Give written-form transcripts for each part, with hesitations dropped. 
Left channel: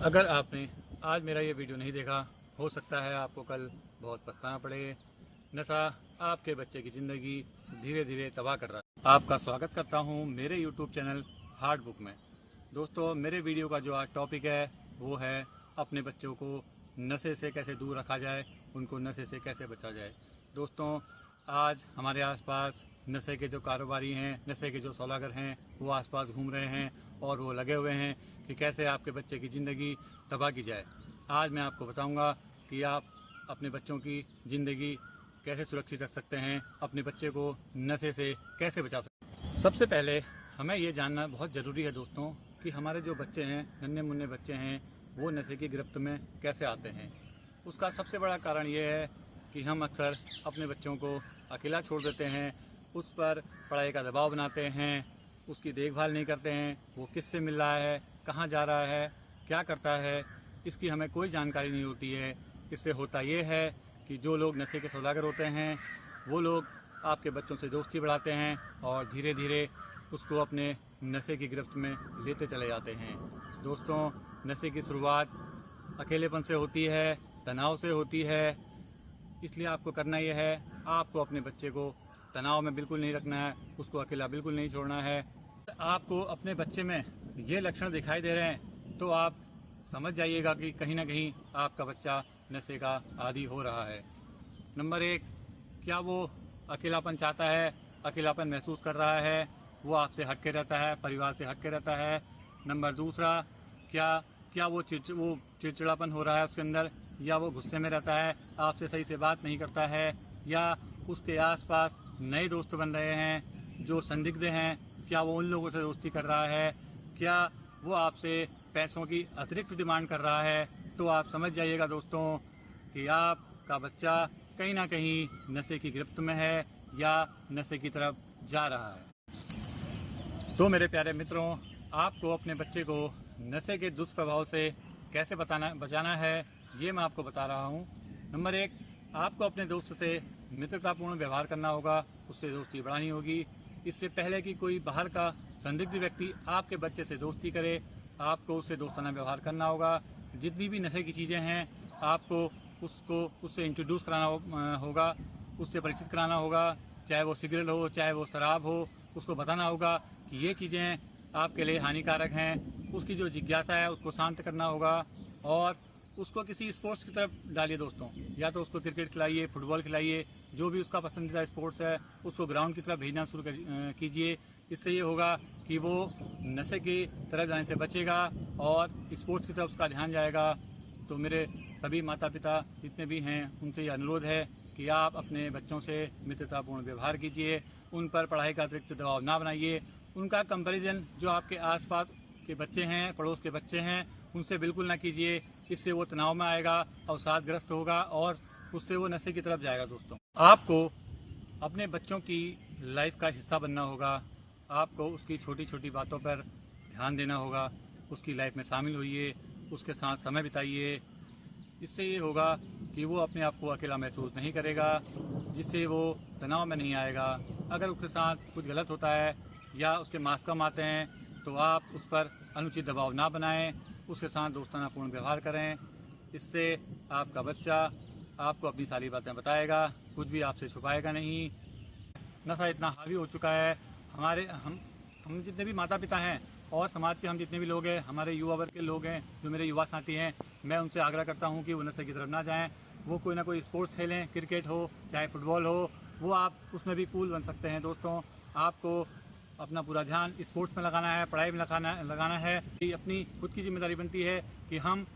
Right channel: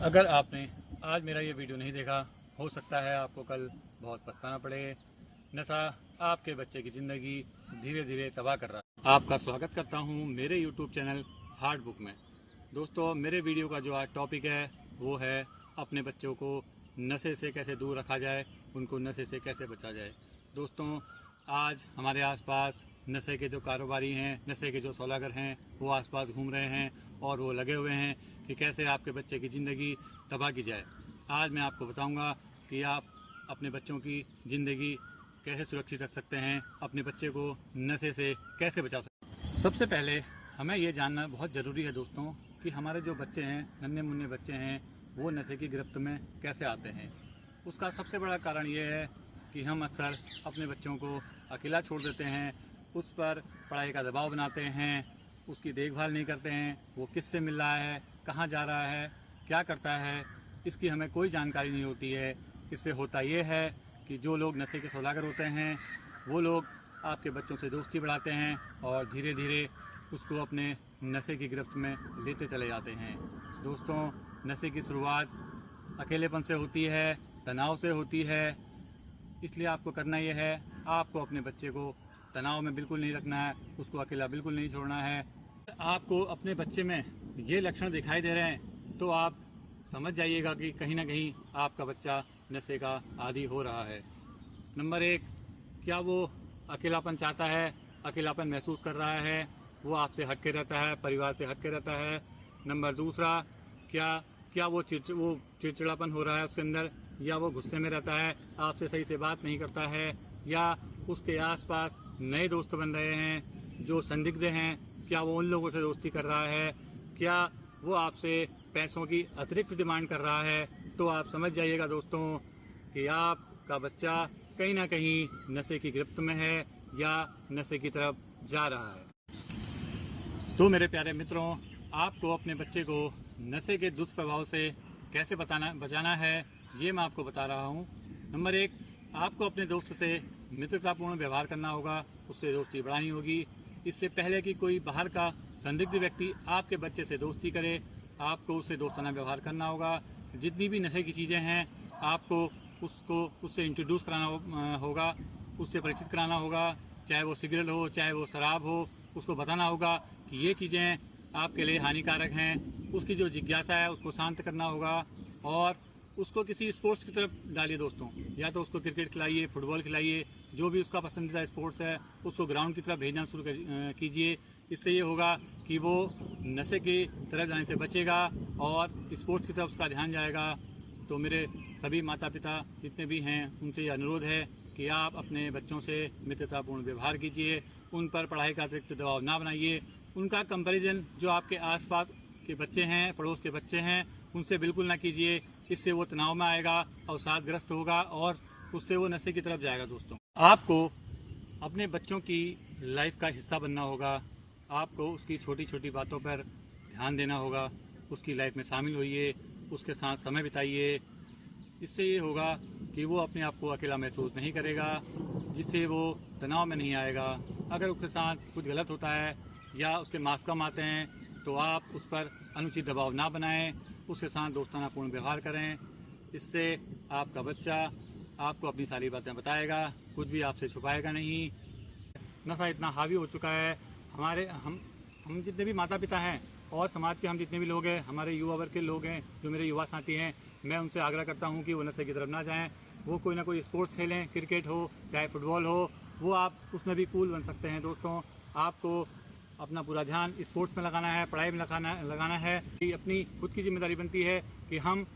अगर आपने आज मेरा ये वीडियो नहीं देखा, हो सकता है आपको कल बहुत पछताना पड़े। नशा आपके बच्चे की ज़िंदगी धीरे धीरे तबाह कर रहा है। आपका स्वागत करता हूँ मेरे यूट्यूब चैनल हार्ड बुक में। दोस्तों, मेरे वीडियो का जो आज टॉपिक है वो है अपने बच्चों को नशे से कैसे दूर रखा जाए, उनको नशे से कैसे बचा जाए। दोस्तों, आज हमारे आसपास नशे के जो कारोबारी हैं, नशे के जो सौदागर हैं, वो आसपास घूम रहे हैं और वो लगे हुए हैं कि कैसे आपके बच्चे की ज़िंदगी तबाह की जाए। आज मैं आपको बताऊंगा कि आप अपने बच्चों की ज़िंदगी कैसे सुरक्षित रख सकते हैं, अपने बच्चे को नशे से कैसे बचा सकते हैं। सबसे पहले हमें ये जानना बहुत ज़रूरी है दोस्तों कि हमारे जो बच्चे हैं, नन्हे मुन्ने बच्चे हैं, वो नशे की गिरफ्त में कैसे आते हैं। उसका सबसे बड़ा कारण ये है कि हम अक्सर अपने बच्चों को अकेला छोड़ देते हैं, उस पर पढ़ाई का दबाव बनाते हैं, उसकी देखभाल नहीं करते हैं, वो किससे मिल रहा है, कहाँ जा रहा है, क्या करता है, इसकी हमें कोई जानकारी नहीं होती है। इससे होता ये है कि जो लोग नशे के सौदागर होते हैं वो लोग आपके बच्चों से दोस्ती बढ़ाते हैं और धीरे धीरे उसको अपने नशे की गिरफ्त में लेते चले जाते हैं। दोस्तों, नशे की शुरुआत अकेलेपन से होती है, तनाव से होती है। इसलिए आपको करना यह है, आपको अपने बच्चे को तनाव में बिल्कुल नहीं रखना है, उसको अकेला बिल्कुल नहीं छोड़ना है। आपको अपने बच्चे में ये लक्षण दिखाई दे रहे हैं तो आप समझ जाइएगा कि कहीं ना कहीं आपका बच्चा नशे का आदी हो रहा है। नंबर 1, क्या वो अकेलापन चाहता है, अकेलापन महसूस कर रहा है, वो आपसे हट के रहता है, परिवार से हट के रहता है। नंबर 2, क्या वो चिड़चिड़ापन हो रहा है उसके अंदर, या वो गुस्से में रहता है, आपसे सही से बात नहीं करता है, या उसके आसपास नए दोस्त बन रहे हैं जो संदिग्ध हैं, क्या वो उन लोगों से दोस्ती कर रहा है, क्या वो आपसे पैसों की अतिरिक्त डिमांड कर रहा है। तो आप समझ जाइएगा दोस्तों कि आपका बच्चा कहीं ना कहीं नशे की गिरफ्त में है या नशे की तरफ जा रहा है। तो मेरे प्यारे मित्रों, आपको अपने बच्चे को नशे के दुष्प्रभाव से कैसे बचाना है, ये मैं आपको बता रहा हूँ। नंबर 1, आपको अपने दोस्त से मित्रतापूर्ण व्यवहार करना होगा, उससे दोस्ती बढ़ानी होगी। इससे पहले कि कोई बाहर का संदिग्ध व्यक्ति आपके बच्चे से दोस्ती करे, आपको उससे दोस्ताना व्यवहार करना होगा। जितनी भी नशे की चीज़ें हैं, आपको उससे इंट्रोड्यूस कराना होगा, उससे परिचित कराना होगा। चाहे वो सिगरेट हो, चाहे वो शराब हो, उसको बताना होगा कि ये चीज़ें आपके लिए हानिकारक हैं। उसकी जो जिज्ञासा है उसको शांत करना होगा और उसको किसी स्पोर्ट्स की तरफ डालिए दोस्तों। या तो उसको क्रिकेट खिलाइए, फुटबॉल खिलाइए, जो भी उसका पसंदीदा स्पोर्ट्स है उसको ग्राउंड की तरफ भेजना शुरू कीजिए। इससे ये होगा कि वो नशे की तरफ जाने से बचेगा और स्पोर्ट्स की तरफ उसका ध्यान जाएगा। तो मेरे सभी माता पिता जितने भी हैं उनसे ये अनुरोध है कि आप अपने बच्चों से मित्रतापूर्ण व्यवहार कीजिए, उन पर पढ़ाई का अतिरिक्त दबाव ना बनाइए। उनका कंपैरिजन जो आपके आसपास के बच्चे हैं, पड़ोस के बच्चे हैं, उनसे बिल्कुल ना कीजिए। इससे वो तनाव में आएगा, अवसादग्रस्त होगा और उससे वो नशे की तरफ जाएगा। दोस्तों, आपको अपने बच्चों की लाइफ का हिस्सा बनना होगा। आपको उसकी छोटी छोटी बातों पर ध्यान देना होगा, उसकी लाइफ में शामिल होइए, उसके साथ समय बिताइए। इससे ये होगा कि वो अपने आप को अकेला महसूस नहीं करेगा, जिससे वो तनाव में नहीं आएगा। अगर उसके साथ कुछ गलत होता है या उसके मार्क्स कम आते हैं तो आप उस पर अनुचित दबाव ना बनाएं, उसके साथ दोस्तानापूर्ण व्यवहार करें। इससे आपका बच्चा आपको अपनी सारी बातें बताएगा, कुछ भी आपसे छुपाएगा नहीं। नशा इतना हावी हो चुका है, हम जितने भी माता पिता हैं और समाज के हम जितने भी लोग हैं, हमारे युवा वर्ग के लोग हैं, जो मेरे युवा साथी हैं, मैं उनसे आग्रह करता हूं कि वो नशे की तरफ ना जाएं। वो कोई ना कोई स्पोर्ट्स खेलें, क्रिकेट हो चाहे फुटबॉल हो, वो आप उसमें भी कूल बन सकते हैं। दोस्तों, आपको अपना पूरा ध्यान स्पोर्ट्स में लगाना है, पढ़ाई में लगाना है। ये अपनी खुद की जिम्मेदारी बनती है कि हम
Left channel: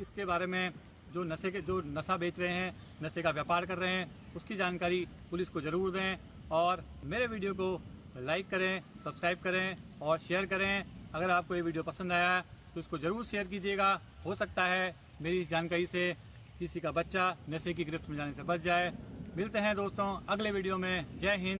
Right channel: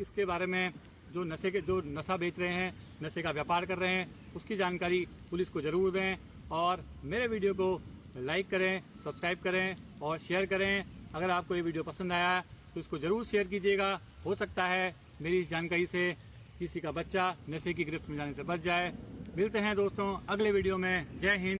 इसके बारे में जो नशा बेच रहे हैं, नशे का व्यापार कर रहे हैं, उसकी जानकारी पुलिस को जरूर दें और मेरे वीडियो को लाइक करें, सब्सक्राइब करें और शेयर करें। अगर आपको ये वीडियो पसंद आया तो इसको जरूर शेयर कीजिएगा। हो सकता है मेरी इस जानकारी से किसी का बच्चा नशे की गिरफ्त में जाने से बच जाए। मिलते हैं दोस्तों अगले वीडियो में। जय हिंद।